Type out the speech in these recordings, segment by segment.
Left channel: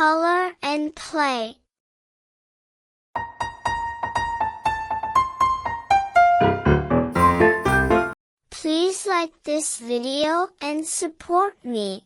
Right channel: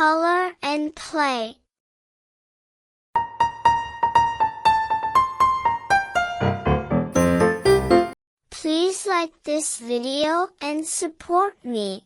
color and play. Please like this video and support me.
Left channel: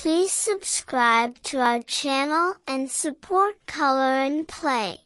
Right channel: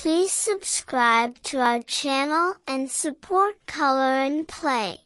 Please subscribe to our channel and support Color and Play.